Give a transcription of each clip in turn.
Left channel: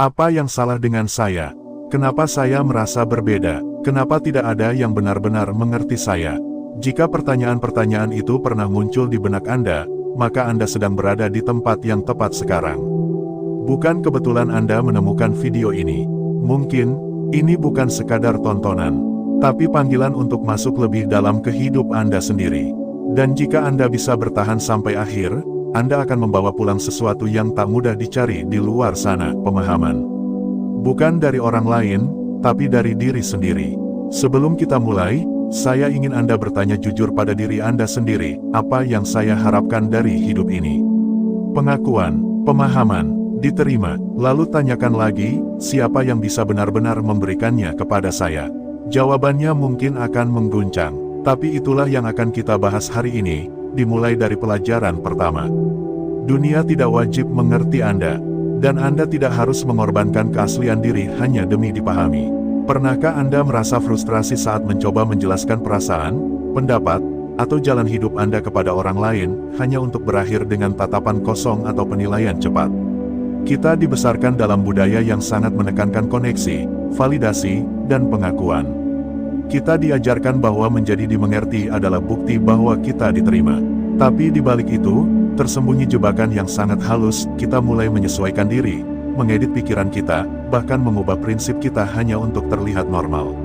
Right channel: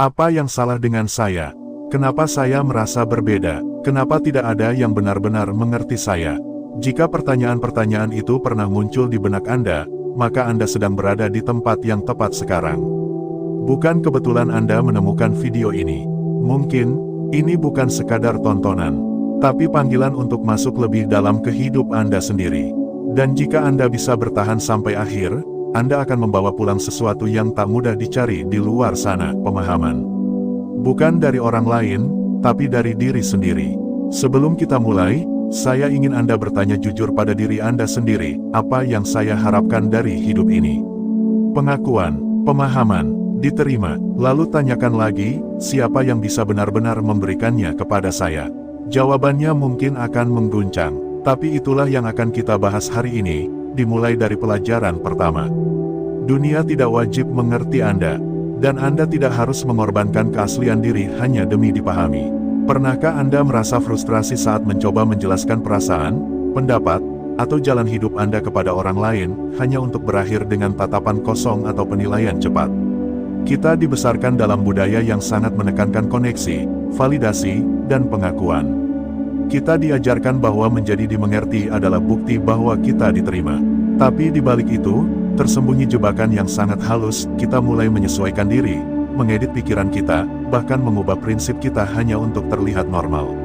Apa yang salah dengan saya? Kenapa saya merasa berbeda? Kenapa tidak ada yang benar-benar mengerti saya? Jika pertanyaan-pertanyaan itu pernah muncul di benak Anda, maka Anda sedang berada di tempat yang tepat sekarang. Bukan kebetulan Anda menemukan video ini. Mungkin, ini bukan sekadar tontonan, tapi panggilan untuk masuk lebih dalam ke hidup Anda sendiri. Dan jika Anda bisa bertahan sampai akhir, Anda akan membawa pulang sesuatu yang tak mudah dicari di luar sana, pemahaman. Bukan dari orang lain, tapi dari diri sendiri. Sebelum kita mulai, saya ingin Anda bertanya jujur pada diri Anda sendiri, apa yang saya harapkan dari hidup ini? Pengakuan, pemahaman, diterima, lalu tanyakan lagi, siapa yang bisa benar-benar memberikannya kepada saya? Jawabannya mungkin akan mengguncang, tapi itulah yang akan kita bahas hari ini, dimulai dari pelajaran pertama. Dunia tidak wajib mengerti Anda, dan Anda tidak harus mengorbankan keaslian diri hanya demi dipahami. Pernahkah Anda merasa frustrasi saat mencoba menjelaskan perasaan, pendapat, atau jalan hidup Anda kepada orang lain, hanya untuk berakhir dengan tatapan kosong atau penilaian cepat? Kita dibesarkan dalam budaya yang sangat menekankan koneksi, validasi, dan pengakuan. Kita diajarkan bahwa menjadi dimengerti adalah bukti bahwa kita diterima. Tapi di balik itu, tersembunyi jebakan yang sangat halus. Kita mulai menyesuaikan diri, mengedit pikiran kita, bahkan mengubah prinsip kita hanya untuk terlihat normal.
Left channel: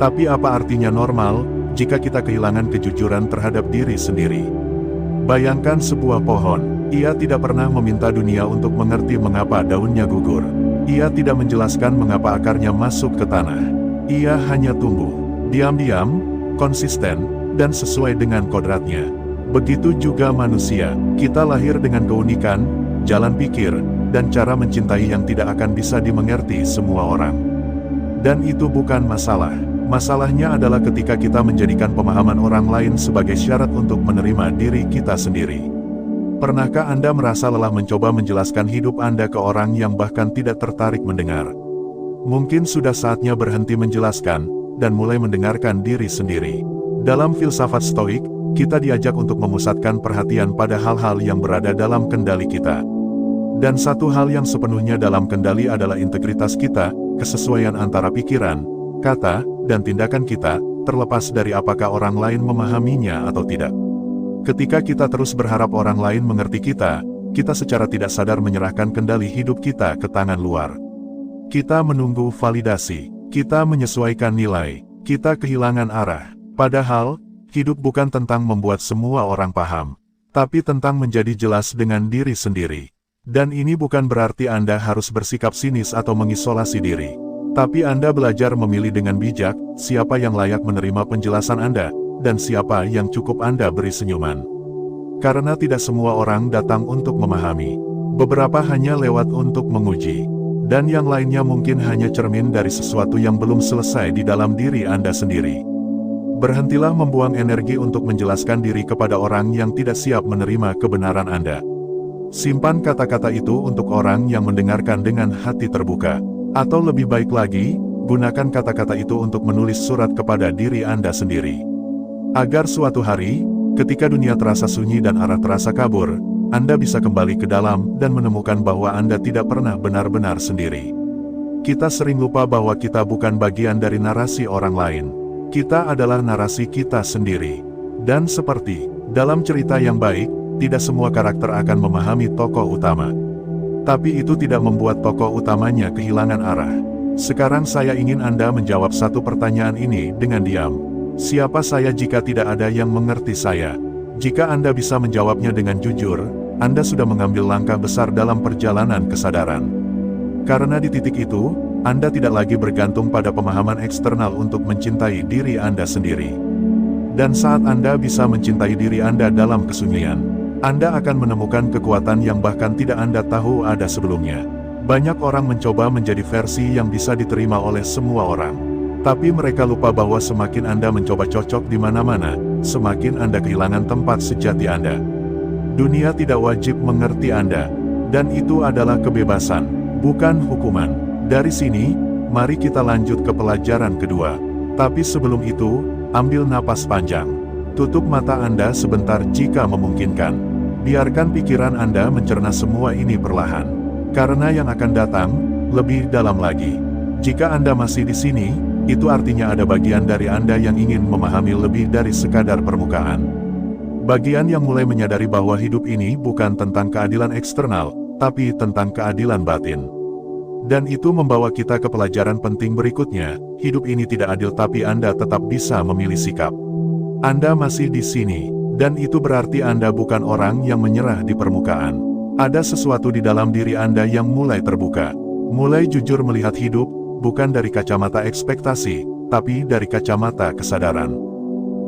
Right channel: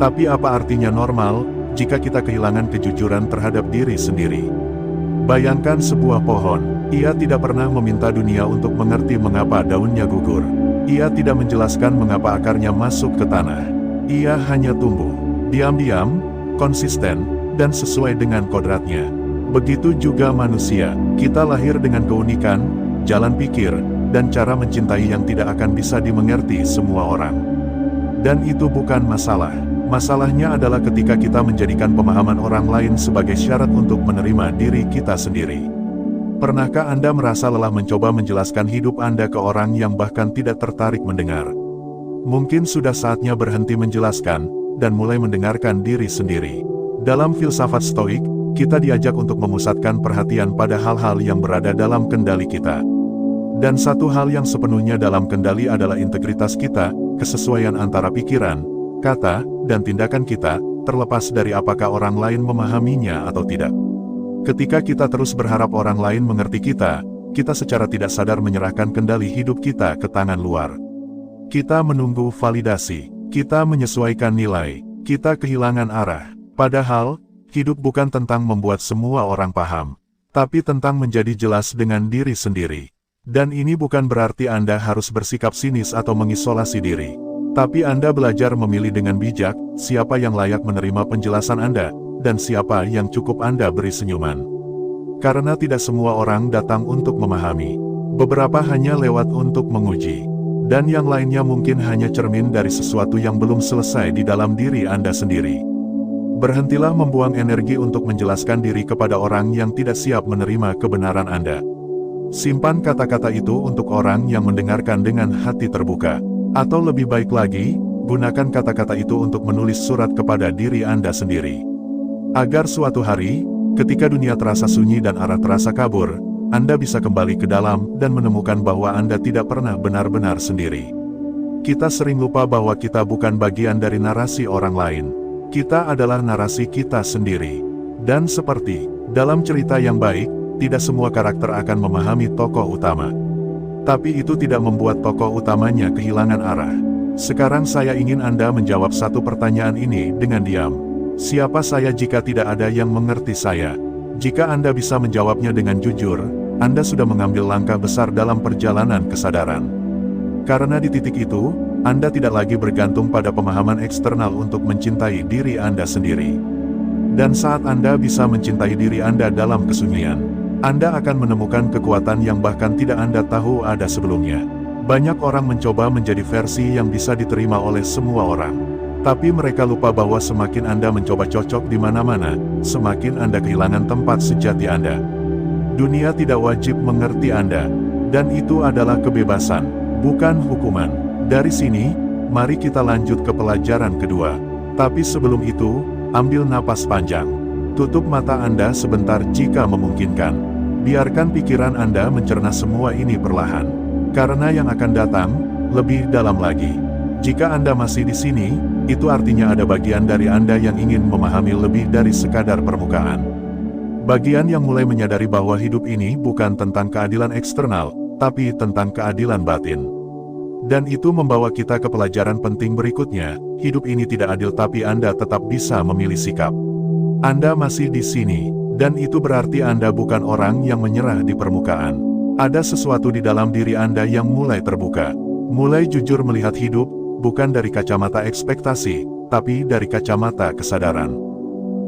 Tapi apa artinya normal, jika kita kehilangan kejujuran terhadap diri sendiri? Bayangkan sebuah pohon. Ia tidak pernah meminta dunia untuk mengerti mengapa daunnya gugur. Ia tidak menjelaskan mengapa akarnya masuk ke tanah. Ia hanya tumbuh, diam-diam, konsisten, dan sesuai dengan kodratnya. Begitu juga manusia, kita lahir dengan keunikan, jalan pikir, dan cara mencintai yang tidak akan bisa dimengerti semua orang. Dan itu bukan masalah. Masalahnya adalah ketika kita menjadikan pemahaman orang lain sebagai syarat untuk menerima diri kita sendiri. Pernahkah Anda merasa lelah mencoba menjelaskan hidup Anda ke orang yang bahkan tidak tertarik mendengar? Mungkin sudah saatnya berhenti menjelaskan, dan mulai mendengarkan diri sendiri. Dalam filsafat Stoik, kita diajak untuk memusatkan perhatian pada hal-hal yang berada dalam kendali kita. Dan satu hal yang sepenuhnya dalam kendali adalah integritas kita, kesesuaian antara pikiran, kata, dan tindakan kita, terlepas dari apakah orang lain memahaminya atau tidak. Ketika kita terus berharap orang lain mengerti kita secara tidak sadar menyerahkan kendali hidup kita ke tangan luar. Kita menunggu validasi, kita menyesuaikan nilai, kita kehilangan arah. Padahal, hidup bukan tentang membuat semua orang paham, tapi tentang menjadi jelas dengan diri sendiri. Dan ini bukan berarti Anda harus bersikap sinis atau mengisolasi diri. Tapi Anda belajar memilih dengan bijak, siapa yang layak menerima penjelasan Anda, dan siapa yang cukup Anda beri senyuman. Karena tidak semua orang datang untuk memahami. Beberapa hanya lewat untuk menguji. Dan yang lainnya mungkin hanya cermin dari sesuatu yang belum selesai di dalam diri Anda sendiri. Berhentilah membuang energi untuk menjelaskan diri kepada orang yang tidak siap menerima kebenaran Anda. Simpan kata-kata itu untuk orang yang mendengarkan dengan hati terbuka. Atau lebih baik lagi, gunakan kata-kata itu untuk menulis surat kepada diri Anda sendiri. Agar suatu hari, ketika dunia terasa sunyi dan arah terasa kabur, Anda bisa kembali ke dalam dan menemukan bahwa Anda tidak pernah benar-benar sendiri. Kita sering lupa bahwa kita bukan bagian dari narasi orang lain. Kita adalah narasi kita sendiri. Dan seperti dalam cerita yang baik, tidak semua karakter akan memahami tokoh utama. Tapi itu tidak membuat tokoh utamanya kehilangan arah. Sekarang saya ingin Anda menjawab satu pertanyaan ini dengan diam. Siapa saya jika tidak ada yang mengerti saya? Jika Anda bisa menjawabnya dengan jujur, Anda sudah mengambil langkah besar dalam perjalanan kesadaran. Karena di titik itu, Anda tidak lagi bergantung pada pemahaman eksternal untuk mencintai diri Anda sendiri. Dan saat Anda bisa mencintai diri Anda dalam kesunyian, Anda akan menemukan kekuatan yang bahkan tidak Anda tahu ada sebelumnya. Banyak orang mencoba menjadi versi yang bisa diterima oleh semua orang. Tapi mereka lupa bahwa semakin Anda mencoba cocok di mana-mana, semakin Anda kehilangan tempat sejati Anda. Dunia tidak wajib mengerti Anda, dan itu adalah kebebasan, bukan hukuman. Dari sini, mari kita lanjut ke pelajaran kedua. Tapi sebelum itu, ambil napas panjang. Tutup mata Anda sebentar jika memungkinkan. Biarkan pikiran Anda mencerna semua ini perlahan. Karena yang akan datang, lebih dalam lagi. Jika Anda masih di sini, itu artinya ada bagian dari Anda yang ingin memahami lebih dari sekadar permukaan. Bagian yang mulai menyadari bahwa hidup ini bukan tentang keadilan eksternal, tapi tentang keadilan batin. Dan itu membawa kita ke pelajaran penting berikutnya, hidup ini tidak adil tapi Anda tetap bisa memilih sikap. Anda masih di sini, dan itu berarti Anda bukan orang yang menyerah di permukaan. Ada sesuatu di dalam diri Anda yang mulai terbuka. Mulai jujur melihat hidup, bukan dari kacamata ekspektasi, tapi dari kacamata kesadaran.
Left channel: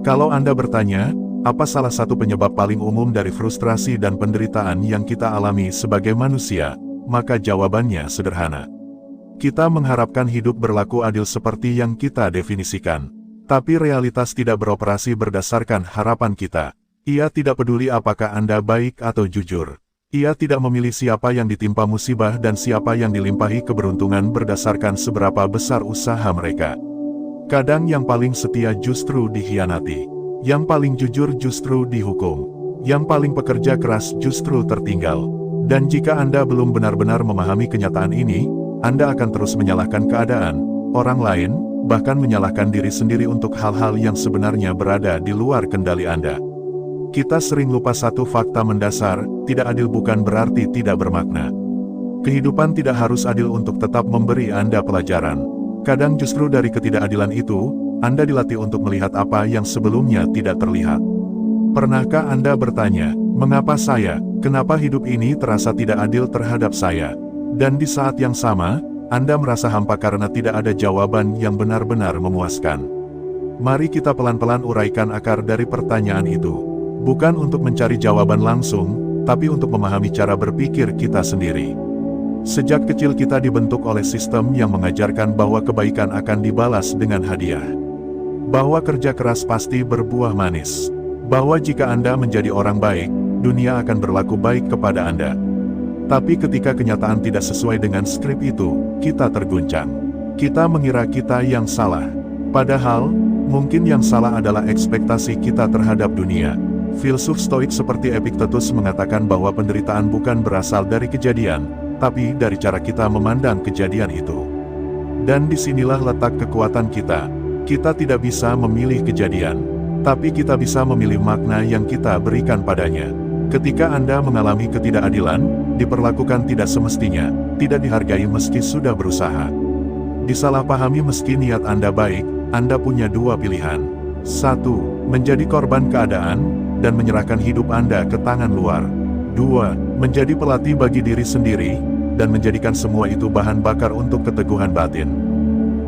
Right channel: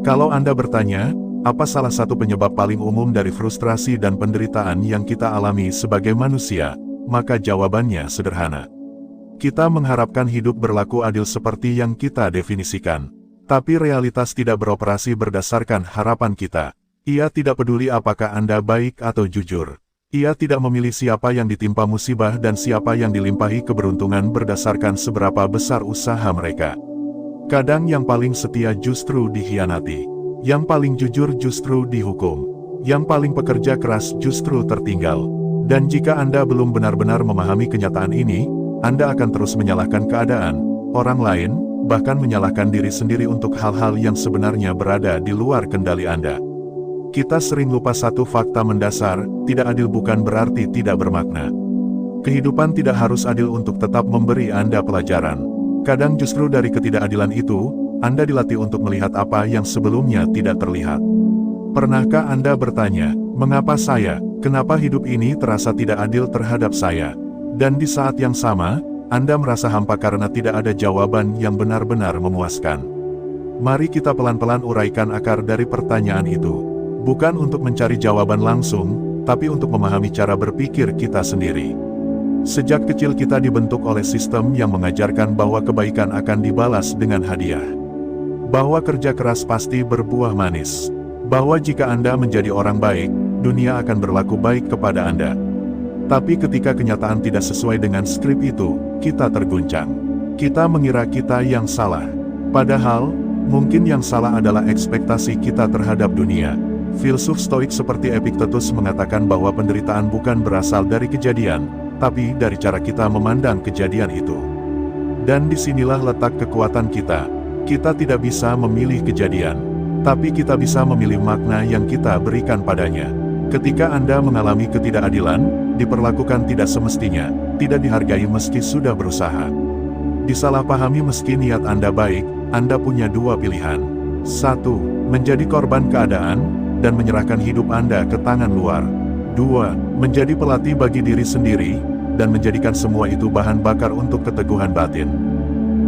Kalau Anda bertanya, apa salah satu penyebab paling umum dari frustrasi dan penderitaan yang kita alami sebagai manusia? Maka jawabannya sederhana. Kita mengharapkan hidup berlaku adil seperti yang kita definisikan. Tapi realitas tidak beroperasi berdasarkan harapan kita. Ia tidak peduli apakah Anda baik atau jujur. Ia tidak memilih siapa yang ditimpa musibah dan siapa yang dilimpahi keberuntungan berdasarkan seberapa besar usaha mereka. Kadang yang paling setia justru dikhianati. Yang paling jujur justru dihukum. Yang paling pekerja keras justru tertinggal. Dan jika Anda belum benar-benar memahami kenyataan ini, Anda akan terus menyalahkan keadaan, orang lain, bahkan menyalahkan diri sendiri untuk hal-hal yang sebenarnya berada di luar kendali Anda. Kita sering lupa satu fakta mendasar, tidak adil bukan berarti tidak bermakna. Kehidupan tidak harus adil untuk tetap memberi Anda pelajaran. Kadang justru dari ketidakadilan itu, Anda dilatih untuk melihat apa yang sebelumnya tidak terlihat. Pernahkah Anda bertanya, mengapa saya? Kenapa hidup ini terasa tidak adil terhadap saya? Dan di saat yang sama, Anda merasa hampa karena tidak ada jawaban yang benar-benar memuaskan. Mari kita pelan-pelan uraikan akar dari pertanyaan itu. Bukan untuk mencari jawaban langsung, tapi untuk memahami cara berpikir kita sendiri. Sejak kecil kita dibentuk oleh sistem yang mengajarkan bahwa kebaikan akan dibalas dengan hadiah. Bahwa kerja keras pasti berbuah manis. Bahwa jika Anda menjadi orang baik, dunia akan berlaku baik kepada Anda. Tapi ketika kenyataan tidak sesuai dengan skrip itu, kita terguncang. Kita mengira kita yang salah. Padahal, mungkin yang salah adalah ekspektasi kita terhadap dunia. Filsuf Stoik seperti Epictetus mengatakan bahwa penderitaan bukan berasal dari kejadian, tapi dari cara kita memandang kejadian itu. Dan disinilah letak kekuatan kita. Kita tidak bisa memilih kejadian, tapi kita bisa memilih makna yang kita berikan padanya. Ketika Anda mengalami ketidakadilan, diperlakukan tidak semestinya, tidak dihargai meski sudah berusaha, disalahpahami meski niat Anda baik, Anda punya dua pilihan. 1. Menjadi korban keadaan, dan menyerahkan hidup Anda ke tangan luar. 2. Menjadi pelatih bagi diri sendiri, dan menjadikan semua itu bahan bakar untuk keteguhan batin.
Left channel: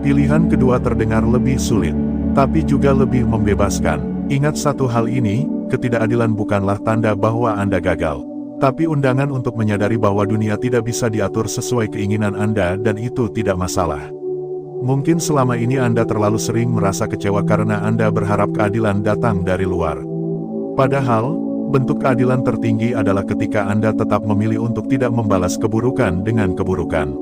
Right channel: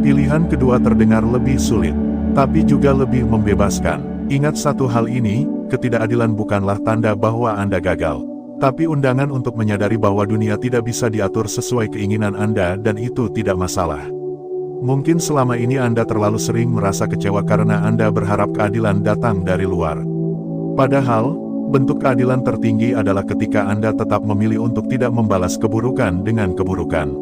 Pilihan kedua terdengar lebih sulit, tapi juga lebih membebaskan. Ingat satu hal ini, ketidakadilan bukanlah tanda bahwa Anda gagal, tapi undangan untuk menyadari bahwa dunia tidak bisa diatur sesuai keinginan Anda dan itu tidak masalah. Mungkin selama ini Anda terlalu sering merasa kecewa karena Anda berharap keadilan datang dari luar. Padahal, bentuk keadilan tertinggi adalah ketika Anda tetap memilih untuk tidak membalas keburukan dengan keburukan.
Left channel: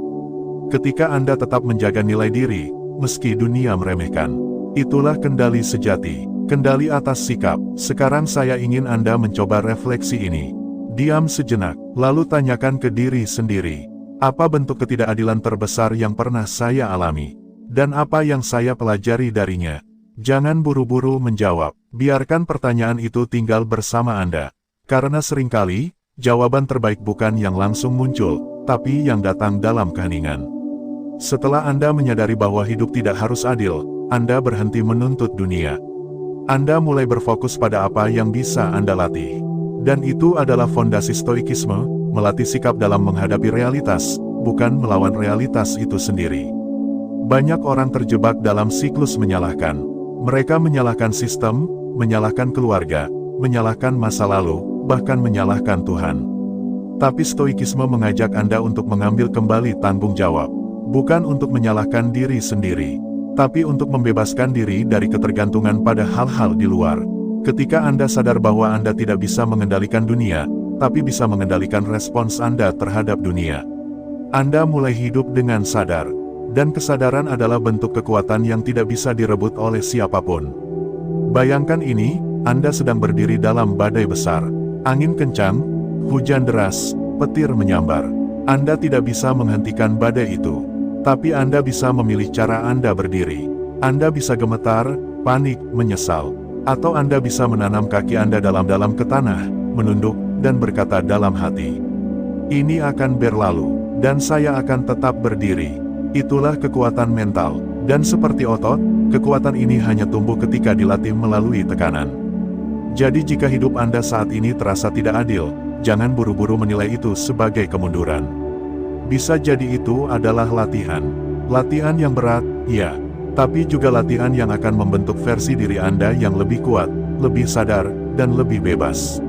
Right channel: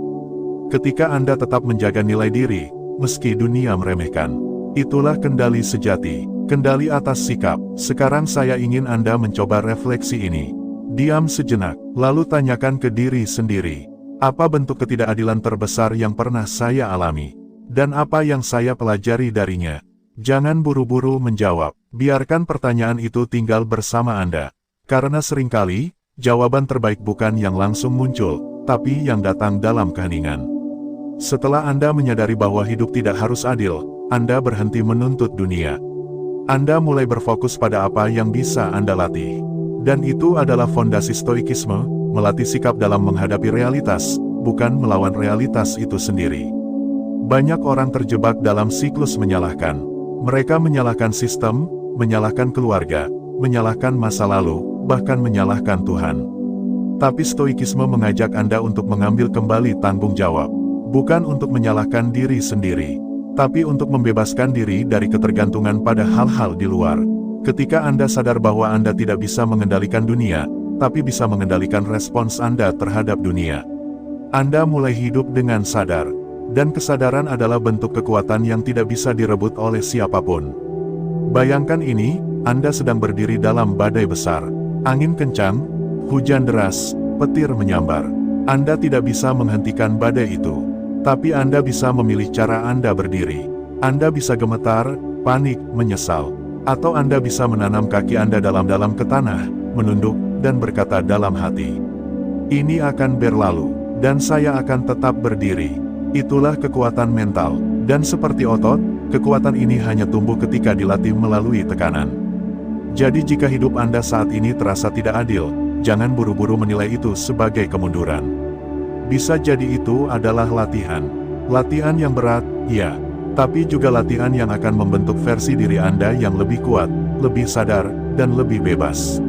Ketika Anda tetap menjaga nilai diri, meski dunia meremehkan. Itulah kendali sejati. Kendali atas sikap. Sekarang saya ingin Anda mencoba refleksi ini. Diam sejenak, lalu tanyakan ke diri sendiri. Apa bentuk ketidakadilan terbesar yang pernah saya alami? Dan apa yang saya pelajari darinya? Jangan buru-buru menjawab. Biarkan pertanyaan itu tinggal bersama Anda. Karena seringkali, jawaban terbaik bukan yang langsung muncul, tapi yang datang dalam keheningan. Setelah Anda menyadari bahwa hidup tidak harus adil, Anda berhenti menuntut dunia. Anda mulai berfokus pada apa yang bisa Anda latih. Dan itu adalah fondasi stoikisme, melatih sikap dalam menghadapi realitas, bukan melawan realitas itu sendiri. Banyak orang terjebak dalam siklus menyalahkan. Mereka menyalahkan sistem, menyalahkan keluarga, menyalahkan masa lalu, bahkan menyalahkan Tuhan. Tapi stoikisme mengajak Anda untuk mengambil kembali tanggung jawab. Bukan untuk menyalahkan diri sendiri, tapi untuk membebaskan diri dari ketergantungan pada hal-hal di luar. Ketika Anda sadar bahwa Anda tidak bisa mengendalikan dunia, tapi bisa mengendalikan respons Anda terhadap dunia, Anda mulai hidup dengan sadar. Dan kesadaran adalah bentuk kekuatan yang tidak bisa direbut oleh siapapun. Bayangkan ini, Anda sedang berdiri dalam badai besar. Angin kencang, hujan deras, petir menyambar. Anda tidak bisa menghentikan badai itu. Tapi Anda bisa memilih cara Anda berdiri. Anda bisa gemetar, panik, menyesal. Atau Anda bisa menanam kaki Anda dalam-dalam ke tanah, menunduk, dan berkata dalam hati, "Ini akan berlalu, dan saya akan tetap berdiri." Itulah kekuatan mental, dan seperti otot, kekuatan ini hanya tumbuh ketika dilatih melalui tekanan. Jadi jika hidup Anda saat ini terasa tidak adil, jangan buru-buru menilai itu sebagai kemunduran. Bisa jadi itu adalah latihan. Latihan yang berat, ya, tapi juga latihan yang akan membentuk versi diri Anda yang lebih kuat, lebih sadar, dan lebih bebas.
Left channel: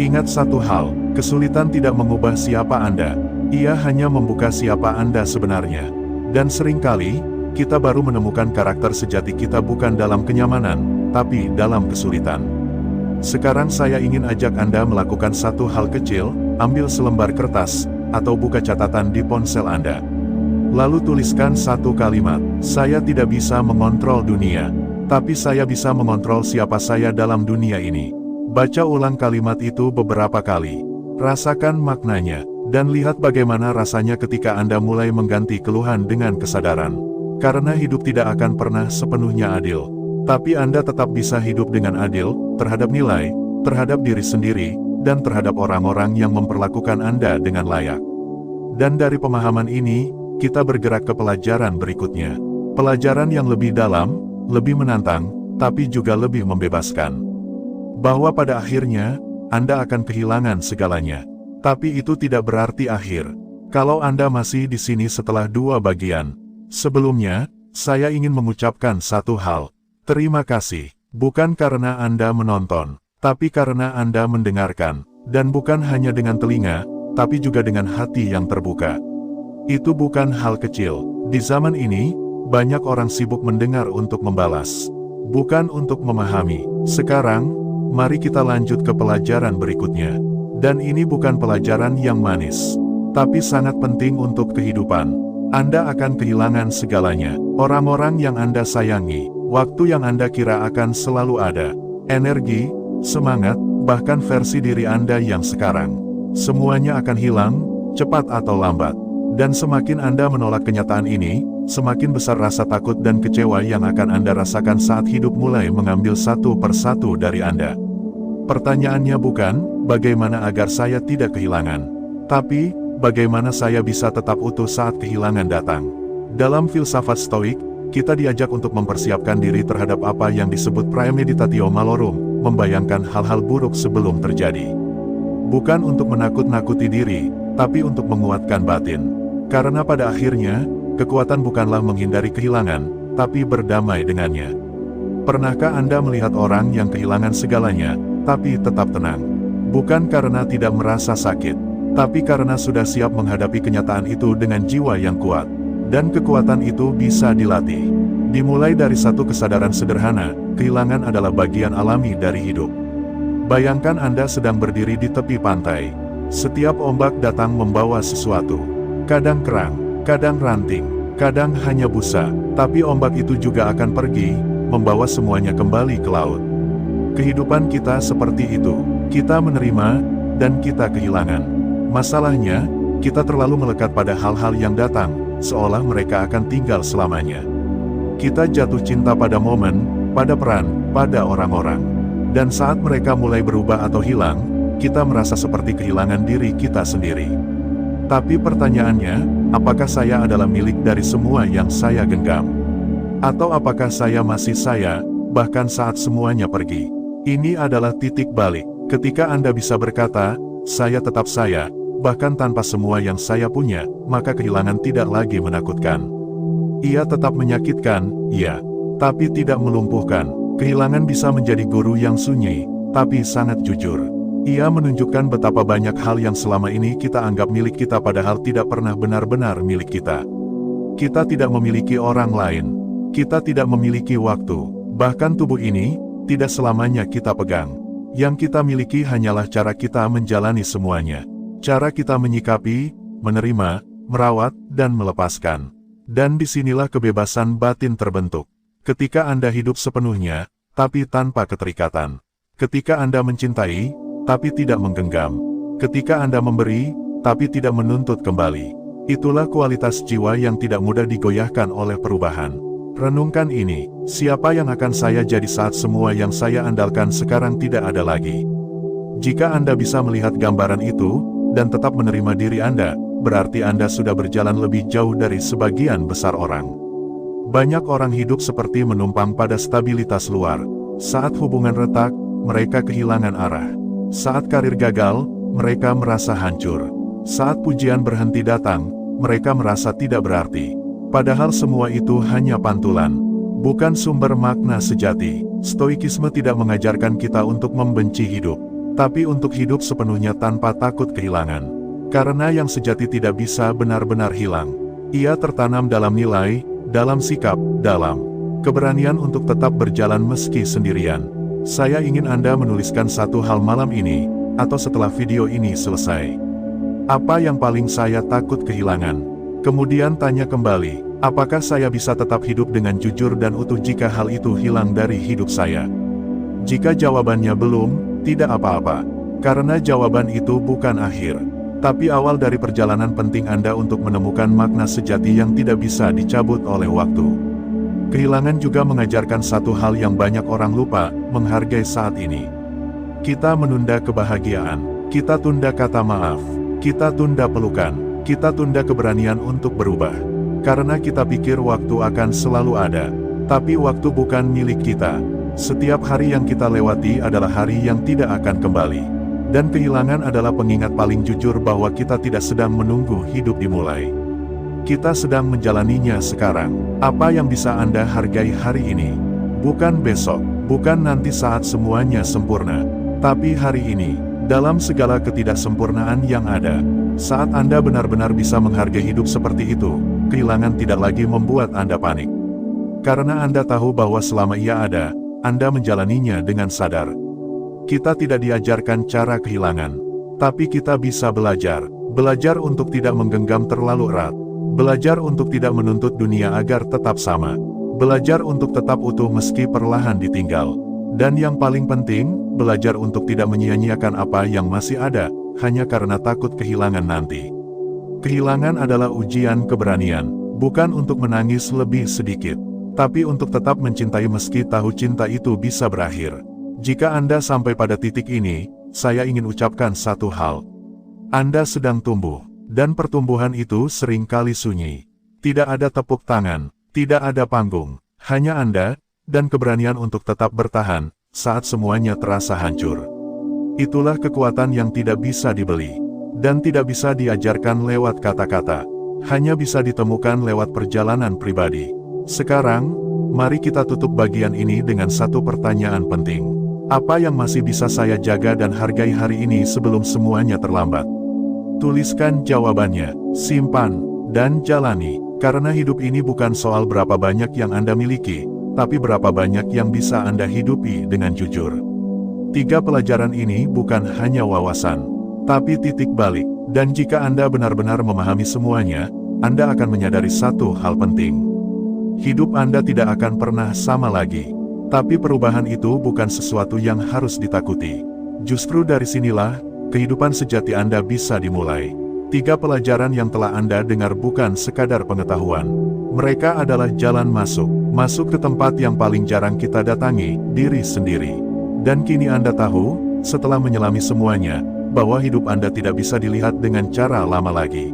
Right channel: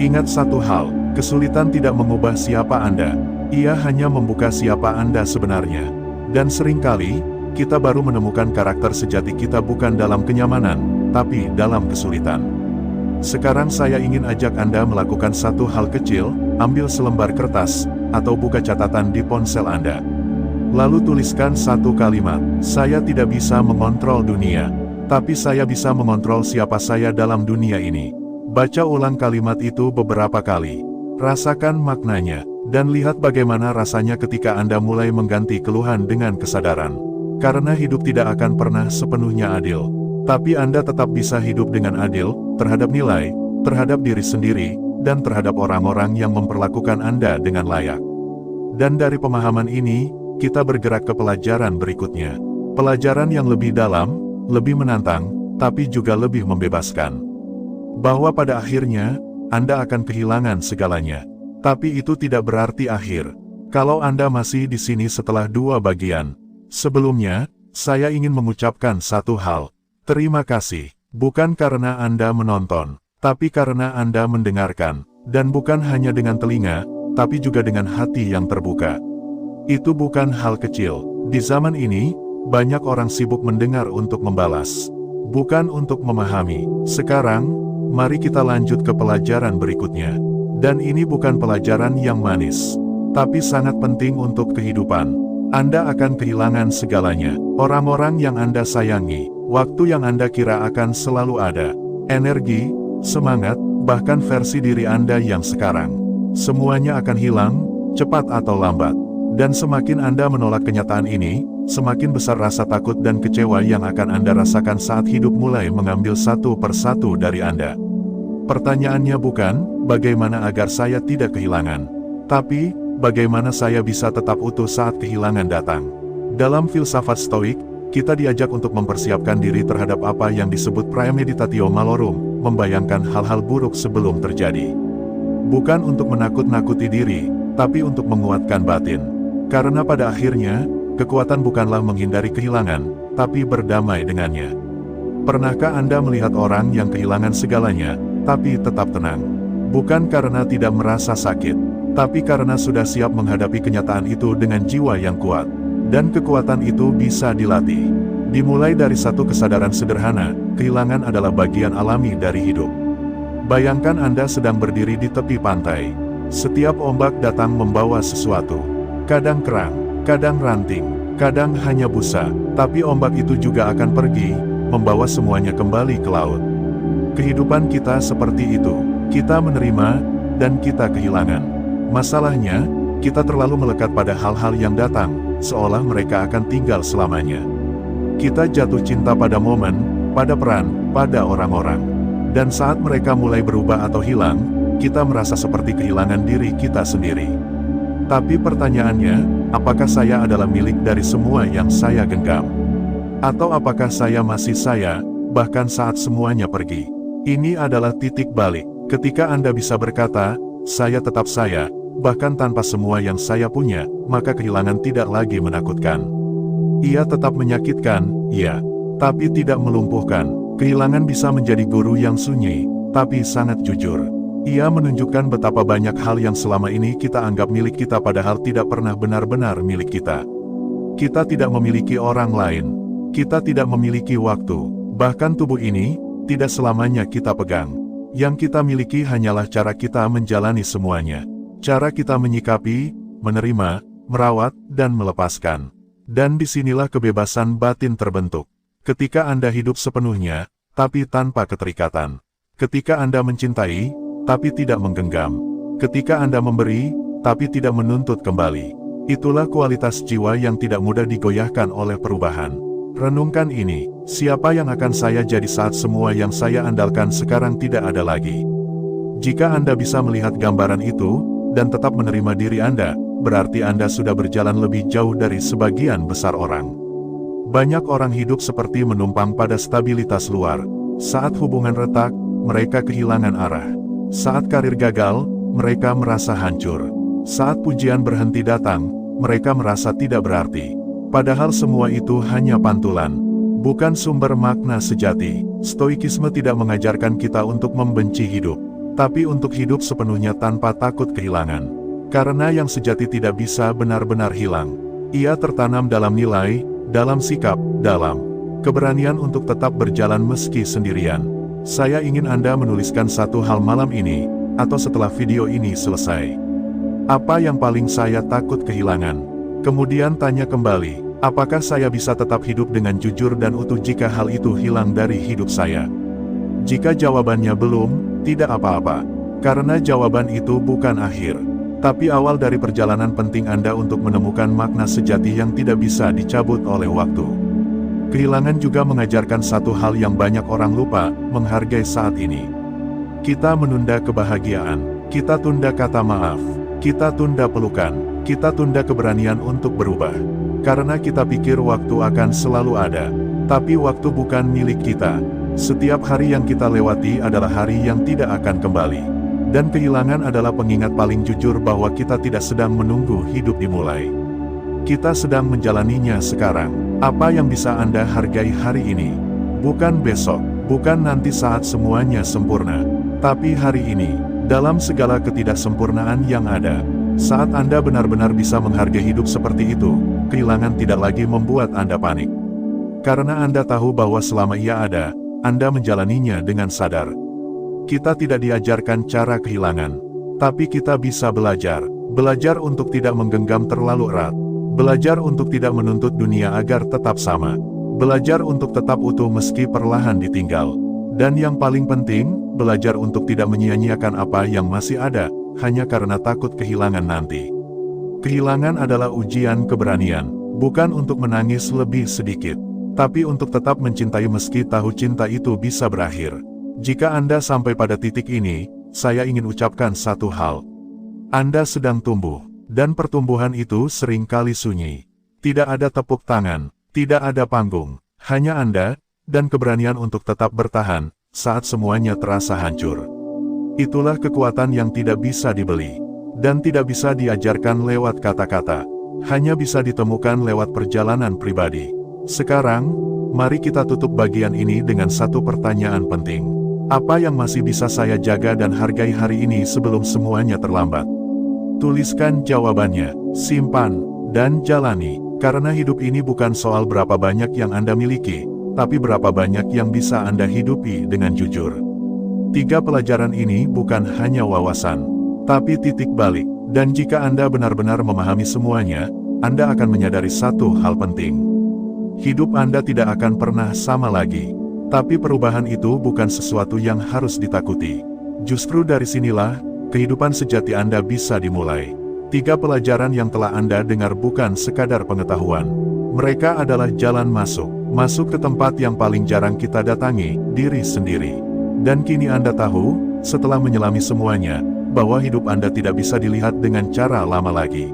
Ingat satu hal, kesulitan tidak mengubah siapa Anda, ia hanya membuka siapa Anda sebenarnya. Dan seringkali, kita baru menemukan karakter sejati kita bukan dalam kenyamanan, tapi dalam kesulitan. Sekarang saya ingin ajak Anda melakukan satu hal kecil, ambil selembar kertas, atau buka catatan di ponsel Anda. Lalu tuliskan satu kalimat, "Saya tidak bisa mengontrol dunia, tapi saya bisa mengontrol siapa saya dalam dunia ini." Baca ulang kalimat itu beberapa kali. Rasakan maknanya, dan lihat bagaimana rasanya ketika Anda mulai mengganti keluhan dengan kesadaran. Karena hidup tidak akan pernah sepenuhnya adil. Tapi Anda tetap bisa hidup dengan adil, terhadap nilai, terhadap diri sendiri, dan terhadap orang-orang yang memperlakukan Anda dengan layak. Dan dari pemahaman ini, kita bergerak ke pelajaran berikutnya. Pelajaran yang lebih dalam, lebih menantang, tapi juga lebih membebaskan. Bahwa pada akhirnya, Anda akan kehilangan segalanya. Tapi itu tidak berarti akhir. Kalau Anda masih di sini setelah dua bagian. Sebelumnya, saya ingin mengucapkan satu hal. Terima kasih, bukan karena Anda menonton, tapi karena Anda mendengarkan, dan bukan hanya dengan telinga, tapi juga dengan hati yang terbuka. Itu bukan hal kecil. Di zaman ini, banyak orang sibuk mendengar untuk membalas, bukan untuk memahami. Sekarang, mari kita lanjut ke pelajaran berikutnya. Dan ini bukan pelajaran yang manis, tapi sangat penting untuk kehidupan. Anda akan kehilangan segalanya, orang-orang yang Anda sayangi, waktu yang Anda kira akan selalu ada, energi, semangat, bahkan versi diri Anda yang sekarang. Semuanya akan hilang, cepat atau lambat. Dan semakin Anda menolak kenyataan ini, semakin besar rasa takut dan kecewa yang akan Anda rasakan saat hidup mulai mengambil satu persatu dari Anda. Pertanyaannya bukan, bagaimana agar saya tidak kehilangan, tapi, bagaimana saya bisa tetap utuh saat kehilangan datang. Dalam filsafat Stoik, kita diajak untuk mempersiapkan diri terhadap apa yang disebut praemeditatio malorum, membayangkan hal-hal buruk sebelum terjadi. Bukan untuk menakut-nakuti diri, tapi untuk menguatkan batin. Karena pada akhirnya, kekuatan bukanlah menghindari kehilangan, tapi berdamai dengannya. Pernahkah Anda melihat orang yang kehilangan segalanya, tapi tetap tenang? Bukan karena tidak merasa sakit, tapi karena sudah siap menghadapi kenyataan itu dengan jiwa yang kuat. Dan kekuatan itu bisa dilatih. Dimulai dari satu kesadaran sederhana, kehilangan adalah bagian alami dari hidup. Bayangkan Anda sedang berdiri di tepi pantai. Setiap ombak datang membawa sesuatu. Kadang kerang, kadang ranting, kadang hanya busa, tapi ombak itu juga akan pergi, membawa semuanya kembali ke laut. Kehidupan kita seperti itu, kita menerima, dan kita kehilangan. Masalahnya, kita terlalu melekat pada hal-hal yang datang, seolah mereka akan tinggal selamanya. Kita jatuh cinta pada momen, pada peran, pada orang-orang. Dan saat mereka mulai berubah atau hilang, kita merasa seperti kehilangan diri kita sendiri. Tapi pertanyaannya, apakah saya adalah milik dari semua yang saya genggam? Atau apakah saya masih saya, bahkan saat semuanya pergi? Ini adalah titik balik, ketika Anda bisa berkata, saya tetap saya, bahkan tanpa semua yang saya punya, maka kehilangan tidak lagi menakutkan. Ia tetap menyakitkan, ya, tapi tidak melumpuhkan. Kehilangan bisa menjadi guru yang sunyi, tapi sangat jujur. Ia menunjukkan betapa banyak hal yang selama ini kita anggap milik kita padahal tidak pernah benar-benar milik kita. Kita tidak memiliki orang lain. Kita tidak memiliki waktu. Bahkan tubuh ini, tidak selamanya kita pegang. Yang kita miliki hanyalah cara kita menjalani semuanya. Cara kita menyikapi, menerima, merawat, dan melepaskan. Dan disinilah kebebasan batin terbentuk. Ketika Anda hidup sepenuhnya, tapi tanpa keterikatan. Ketika Anda mencintai, tapi tidak menggenggam. Ketika Anda memberi, tapi tidak menuntut kembali. Itulah kualitas jiwa yang tidak mudah digoyahkan oleh perubahan. Renungkan ini, siapa yang akan saya jadi saat semua yang saya andalkan sekarang tidak ada lagi? Jika Anda bisa melihat gambaran itu, dan tetap menerima diri Anda, berarti Anda sudah berjalan lebih jauh dari sebagian besar orang. Banyak orang hidup seperti menumpang pada stabilitas luar. Saat hubungan retak, mereka kehilangan arah. Saat karir gagal, mereka merasa hancur. Saat pujian berhenti datang, mereka merasa tidak berarti. Padahal semua itu hanya pantulan, bukan sumber makna sejati. Stoikisme tidak mengajarkan kita untuk membenci hidup, tapi untuk hidup sepenuhnya tanpa takut kehilangan. Karena yang sejati tidak bisa benar-benar hilang. Ia tertanam dalam nilai, dalam sikap, dalam keberanian untuk tetap berjalan meski sendirian. Saya ingin Anda menuliskan satu hal malam ini, atau setelah video ini selesai. Apa yang paling saya takut kehilangan? Kemudian tanya kembali, apakah saya bisa tetap hidup dengan jujur dan utuh jika hal itu hilang dari hidup saya? Jika jawabannya belum, tidak apa-apa. Karena jawaban itu bukan akhir, tapi awal dari perjalanan penting Anda untuk menemukan makna sejati yang tidak bisa dicabut oleh waktu. Kehilangan juga mengajarkan satu hal yang banyak orang lupa, menghargai saat ini. Kita menunda kebahagiaan, kita tunda kata maaf, kita tunda pelukan, kita tunda keberanian untuk berubah. Karena kita pikir waktu akan selalu ada. Tapi waktu bukan milik kita. Setiap hari yang kita lewati adalah hari yang tidak akan kembali. Dan kehilangan adalah pengingat paling jujur bahwa kita tidak sedang menunggu hidup dimulai. Kita sedang menjalaninya sekarang. Apa yang bisa Anda hargai hari ini? Bukan besok, bukan nanti saat semuanya sempurna. Tapi hari ini, dalam segala ketidaksempurnaan yang ada. Saat Anda benar-benar bisa menghargai hidup seperti itu, kehilangan tidak lagi membuat Anda panik. Karena Anda tahu bahwa selama ia ada, Anda menjalaninya dengan sadar. Kita tidak diajarkan cara kehilangan, tapi kita bisa belajar. Belajar untuk tidak menggenggam terlalu erat. Belajar untuk tidak menuntut dunia agar tetap sama. Belajar untuk tetap utuh meski perlahan ditinggal. Dan yang paling penting, belajar untuk tidak menyia-nyiakan apa yang masih ada, hanya karena takut kehilangan nanti. Kehilangan adalah ujian keberanian, bukan untuk menangis lebih sedikit, tapi untuk tetap mencintai meski tahu cinta itu bisa berakhir. Jika Anda sampai pada titik ini, saya ingin ucapkan satu hal. Anda sedang tumbuh, dan pertumbuhan itu seringkali sunyi. Tidak ada tepuk tangan, tidak ada panggung, hanya Anda, dan keberanian untuk tetap bertahan, saat semuanya terasa hancur. Itulah kekuatan yang tidak bisa dibeli, dan tidak bisa diajarkan lewat kata-kata, hanya bisa ditemukan lewat perjalanan pribadi. Sekarang, mari kita tutup bagian ini dengan satu pertanyaan penting. Apa yang masih bisa saya jaga dan hargai hari ini sebelum semuanya terlambat? Tuliskan jawabannya, simpan, dan jalani, karena hidup ini bukan soal berapa banyak yang Anda miliki, tapi berapa banyak yang bisa Anda hidupi dengan jujur. 3 pelajaran ini bukan hanya wawasan, tapi titik balik, dan jika Anda benar-benar memahami semuanya, Anda akan menyadari satu hal penting. Hidup Anda tidak akan pernah sama lagi, tapi perubahan itu bukan sesuatu yang harus ditakuti. Justru dari sinilah, kehidupan sejati Anda bisa dimulai. 3 pelajaran yang telah Anda dengar bukan sekadar pengetahuan. Mereka adalah jalan masuk ke tempat yang paling jarang kita datangi, diri sendiri. Dan kini Anda tahu, setelah menyelami semuanya, bahwa hidup Anda tidak bisa dilihat dengan cara lama lagi.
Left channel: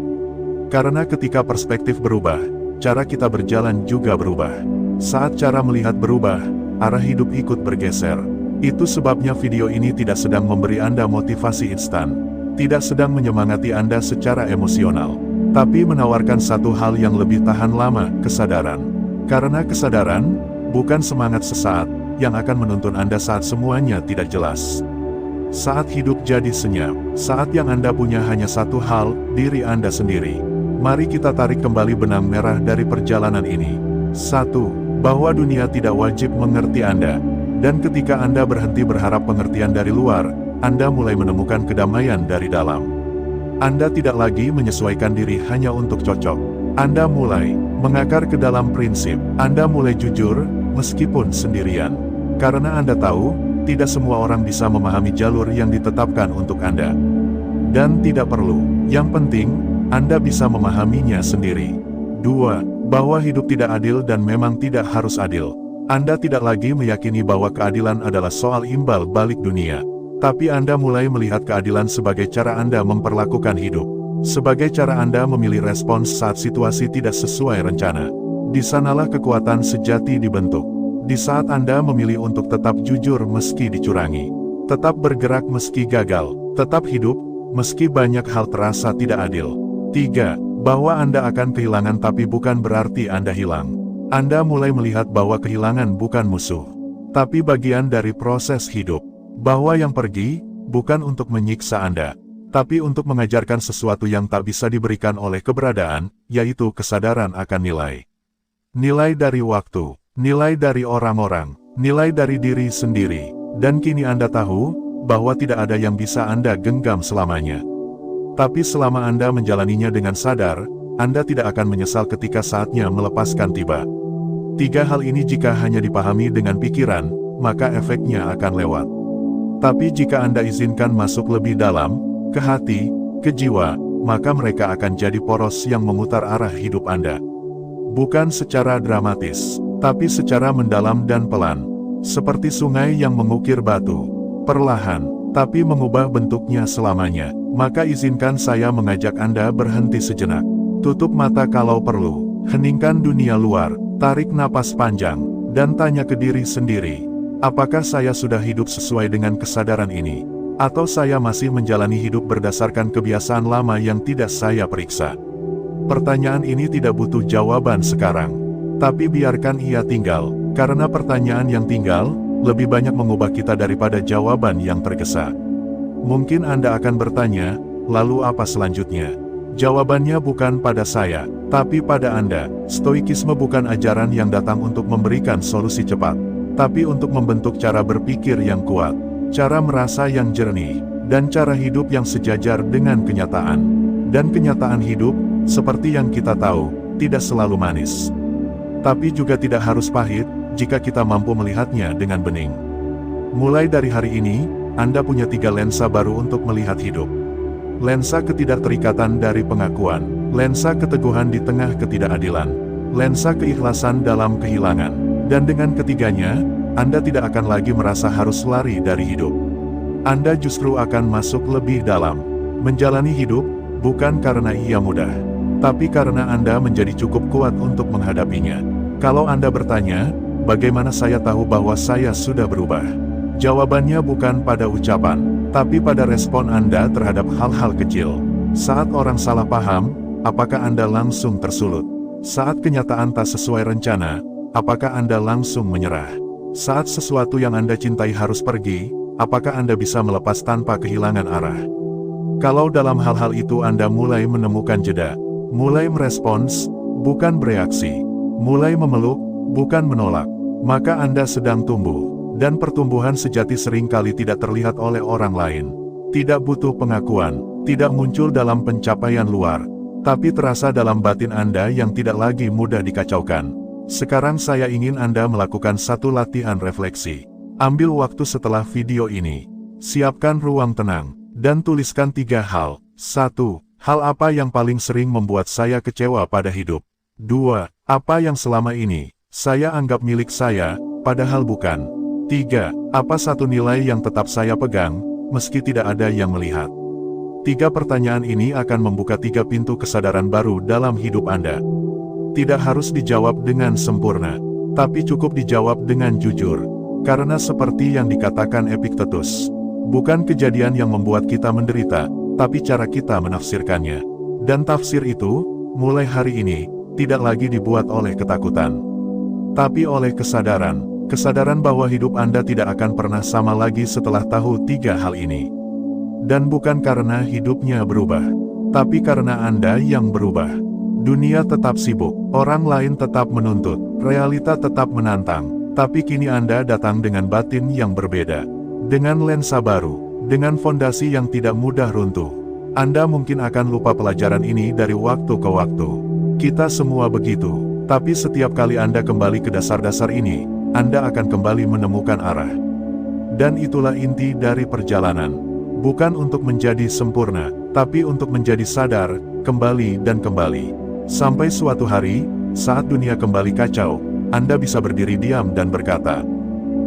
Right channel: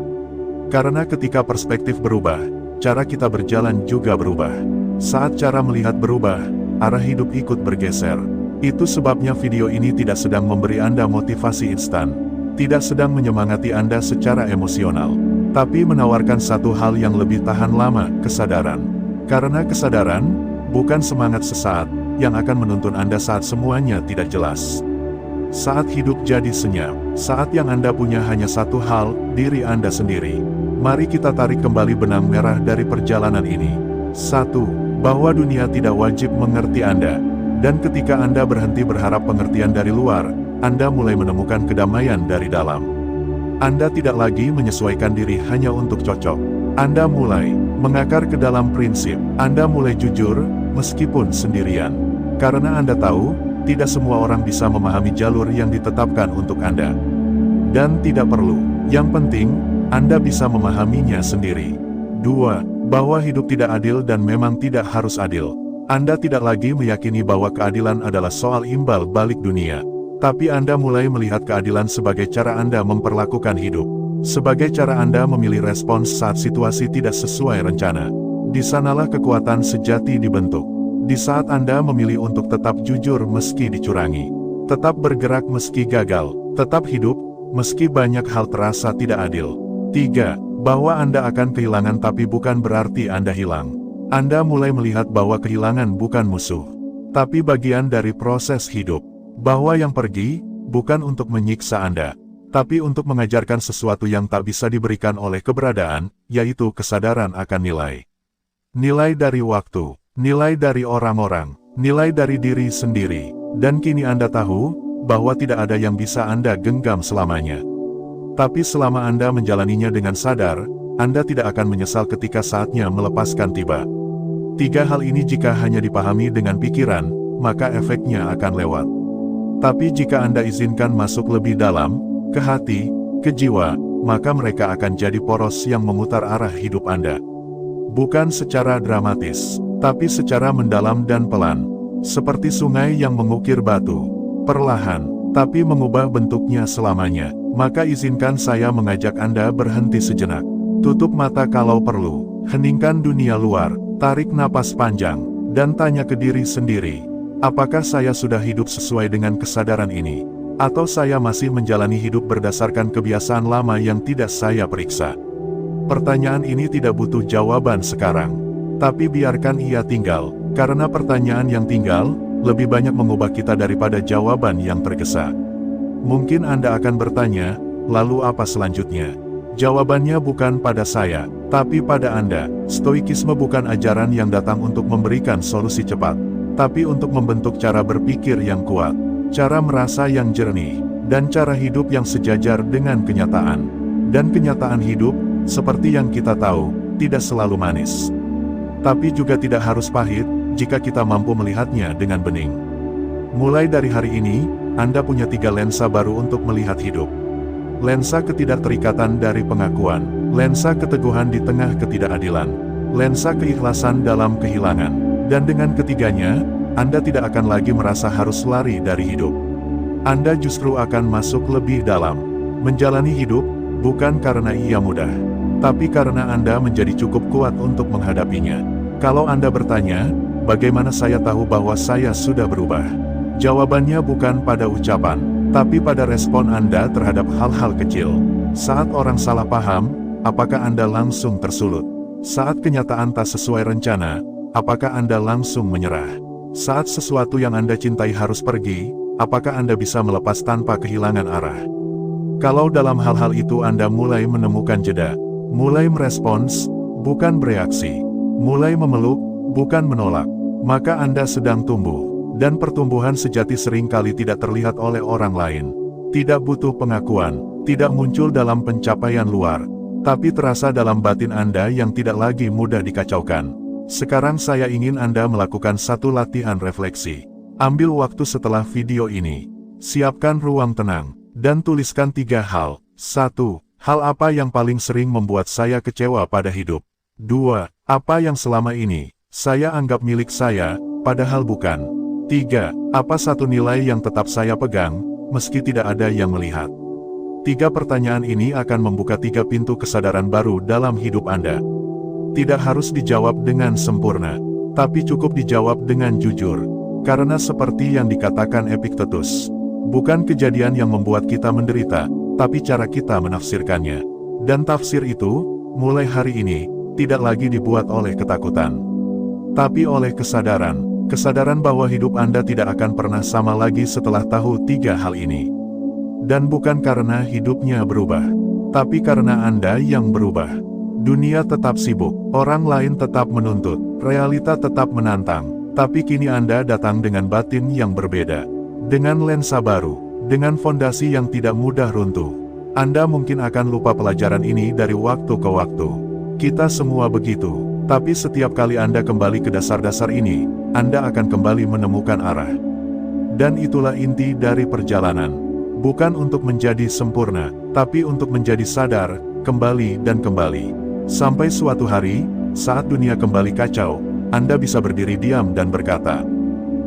Karena ketika perspektif berubah, cara kita berjalan juga berubah. Saat cara melihat berubah, arah hidup ikut bergeser. Itu sebabnya video ini tidak sedang memberi Anda motivasi instan, tidak sedang menyemangati Anda secara emosional, tapi menawarkan satu hal yang lebih tahan lama, kesadaran. Karena kesadaran, bukan semangat sesaat, yang akan menuntun Anda saat semuanya tidak jelas. Saat hidup jadi senyap, saat yang Anda punya hanya satu hal, diri Anda sendiri. Mari kita tarik kembali benang merah dari perjalanan ini. 1. Bahwa dunia tidak wajib mengerti Anda. Dan ketika Anda berhenti berharap pengertian dari luar, Anda mulai menemukan kedamaian dari dalam. Anda tidak lagi menyesuaikan diri hanya untuk cocok. Anda mulai mengakar ke dalam prinsip. Anda mulai jujur, meskipun sendirian. Karena Anda tahu, tidak semua orang bisa memahami jalur yang ditetapkan untuk Anda. Dan tidak perlu. Yang penting, Anda bisa memahaminya sendiri. 2. Bahwa hidup tidak adil dan memang tidak harus adil. Anda tidak lagi meyakini bahwa keadilan adalah soal imbal balik dunia. Tapi Anda mulai melihat keadilan sebagai cara Anda memperlakukan hidup. Sebagai cara Anda memilih respons saat situasi tidak sesuai rencana. Di sanalah kekuatan sejati dibentuk. Di saat Anda memilih untuk tetap jujur meski dicurangi. Tetap bergerak meski gagal. Tetap hidup, meski banyak hal terasa tidak adil. 3. Bahwa Anda akan kehilangan tapi bukan berarti Anda hilang. Anda mulai melihat bahwa kehilangan bukan musuh, tapi bagian dari proses hidup. Bahwa yang pergi, bukan untuk menyiksa Anda, tapi untuk mengajarkan sesuatu yang tak bisa diberikan oleh keberadaan, yaitu kesadaran akan nilai. Nilai dari waktu, nilai dari orang-orang, nilai dari diri sendiri. Dan kini Anda tahu, bahwa tidak ada yang bisa Anda genggam selamanya. Tapi selama Anda menjalaninya dengan sadar, Anda tidak akan menyesal ketika saatnya melepaskan tiba. 3 hal ini jika hanya dipahami dengan pikiran, maka efeknya akan lewat. Tapi jika Anda izinkan masuk lebih dalam, ke hati, ke jiwa, maka mereka akan jadi poros yang memutar arah hidup Anda. Bukan secara dramatis, tapi secara mendalam dan pelan. Seperti sungai yang mengukir batu, perlahan, tapi mengubah bentuknya selamanya. Maka izinkan saya mengajak Anda berhenti sejenak. Tutup mata kalau perlu, heningkan dunia luar, tarik napas panjang, dan tanya ke diri sendiri. Apakah saya sudah hidup sesuai dengan kesadaran ini? Atau saya masih menjalani hidup berdasarkan kebiasaan lama yang tidak saya periksa? Pertanyaan ini tidak butuh jawaban sekarang. Tapi biarkan ia tinggal, karena pertanyaan yang tinggal, lebih banyak mengubah kita daripada jawaban yang tergesa. Mungkin Anda akan bertanya, lalu apa selanjutnya? Jawabannya bukan pada saya, tapi pada Anda. Stoikisme bukan ajaran yang datang untuk memberikan solusi cepat, tapi untuk membentuk cara berpikir yang kuat, cara merasa yang jernih, dan cara hidup yang sejajar dengan kenyataan. Dan kenyataan hidup, seperti yang kita tahu, tidak selalu manis. Tapi juga tidak harus pahit, jika kita mampu melihatnya dengan bening. Mulai dari hari ini, Anda punya 3 lensa baru untuk melihat hidup. Lensa ketidakterikatan dari pengakuan, lensa keteguhan di tengah ketidakadilan, lensa keikhlasan dalam kehilangan, dan dengan ketiganya, Anda tidak akan lagi merasa harus lari dari hidup. Anda justru akan masuk lebih dalam, menjalani hidup, bukan karena ia mudah, tapi karena Anda menjadi cukup kuat untuk menghadapinya. Kalau Anda bertanya, bagaimana saya tahu bahwa saya sudah berubah? Jawabannya bukan pada ucapan, tapi pada respon Anda terhadap hal-hal kecil. Saat orang salah paham, apakah Anda langsung tersulut? Saat kenyataan tak sesuai rencana, apakah Anda langsung menyerah? Saat sesuatu yang Anda cintai harus pergi, apakah Anda bisa melepas tanpa kehilangan arah? Kalau dalam hal-hal itu Anda mulai menemukan jeda, mulai merespons, bukan bereaksi, mulai memeluk, bukan menolak, maka Anda sedang tumbuh. Dan pertumbuhan sejati seringkali tidak terlihat oleh orang lain. Tidak butuh pengakuan, tidak muncul dalam pencapaian luar, tapi terasa dalam batin Anda yang tidak lagi mudah dikacaukan. Sekarang saya ingin Anda melakukan satu latihan refleksi. Ambil waktu setelah video ini. Siapkan ruang tenang, dan tuliskan 3 hal. 1. Hal apa yang paling sering membuat saya kecewa pada hidup? 2. Apa yang selama ini saya anggap milik saya, padahal bukan? 3. Apa satu nilai yang tetap saya pegang, meski tidak ada yang melihat? 3 pertanyaan ini akan membuka 3 pintu kesadaran baru dalam hidup Anda. Tidak harus dijawab dengan sempurna, tapi cukup dijawab dengan jujur. Karena seperti yang dikatakan Epictetus, bukan kejadian yang membuat kita menderita, tapi cara kita menafsirkannya. Dan tafsir itu, mulai hari ini, tidak lagi dibuat oleh ketakutan, tapi oleh kesadaran. Kesadaran bahwa hidup Anda tidak akan pernah sama lagi setelah tahu 3 hal ini. Dan bukan karena hidupnya berubah, tapi karena Anda yang berubah. Dunia tetap sibuk, orang lain tetap menuntut, realita tetap menantang, tapi kini Anda datang dengan batin yang berbeda. Dengan lensa baru, dengan fondasi yang tidak mudah runtuh. Anda mungkin akan lupa pelajaran ini dari waktu ke waktu. Kita semua begitu, tapi setiap kali Anda kembali ke dasar-dasar ini, Anda akan kembali menemukan arah. Dan itulah inti dari perjalanan. Bukan untuk menjadi sempurna, tapi untuk menjadi sadar, kembali dan kembali. Sampai suatu hari, saat dunia kembali kacau, Anda bisa berdiri diam dan berkata,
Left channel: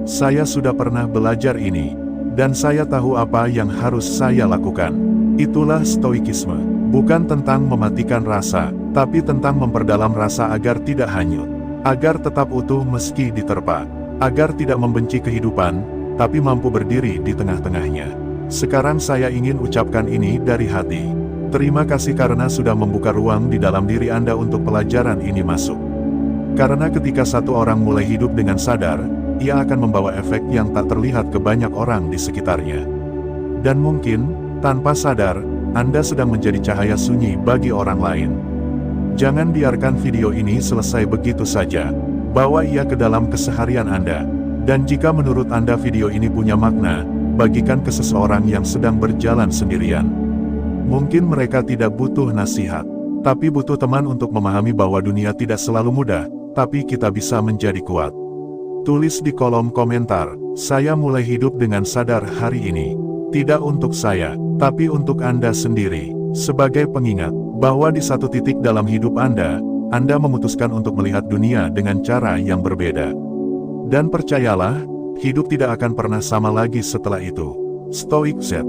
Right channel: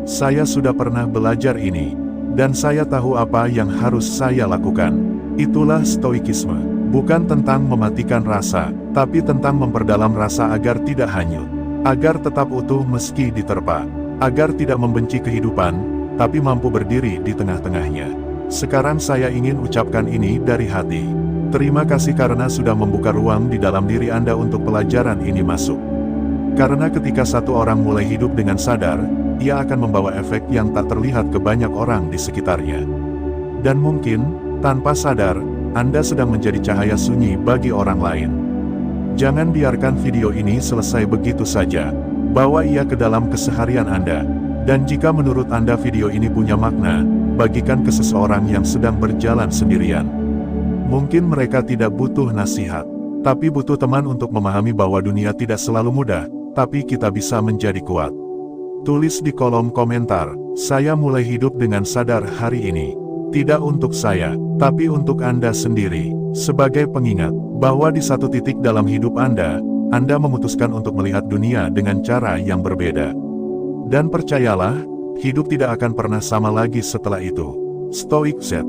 "Saya sudah pernah belajar ini, dan saya tahu apa yang harus saya lakukan." Itulah stoikisme, bukan tentang mematikan rasa, tapi tentang memperdalam rasa agar tidak hanyut, agar tetap utuh meski diterpa, agar tidak membenci kehidupan, tapi mampu berdiri di tengah-tengahnya. Sekarang saya ingin ucapkan ini dari hati. Terima kasih karena sudah membuka ruang di dalam diri Anda untuk pelajaran ini masuk. Karena ketika satu orang mulai hidup dengan sadar, ia akan membawa efek yang tak terlihat ke banyak orang di sekitarnya. Dan mungkin, tanpa sadar, Anda sedang menjadi cahaya sunyi bagi orang lain. Jangan biarkan video ini selesai begitu saja. Bawa ia ke dalam keseharian Anda. Dan jika menurut Anda video ini punya makna, bagikan ke seseorang yang sedang berjalan sendirian. Mungkin mereka tidak butuh nasihat, tapi butuh teman untuk memahami bahwa dunia tidak selalu mudah, tapi kita bisa menjadi kuat. Tulis di kolom komentar, "Saya mulai hidup dengan sadar hari ini." Tidak untuk saya, tapi untuk Anda sendiri. Sebagai pengingat, bahwa di satu titik dalam hidup Anda memutuskan untuk melihat dunia dengan cara yang berbeda. Dan percayalah, hidup tidak akan pernah sama lagi setelah itu. Stoik Z.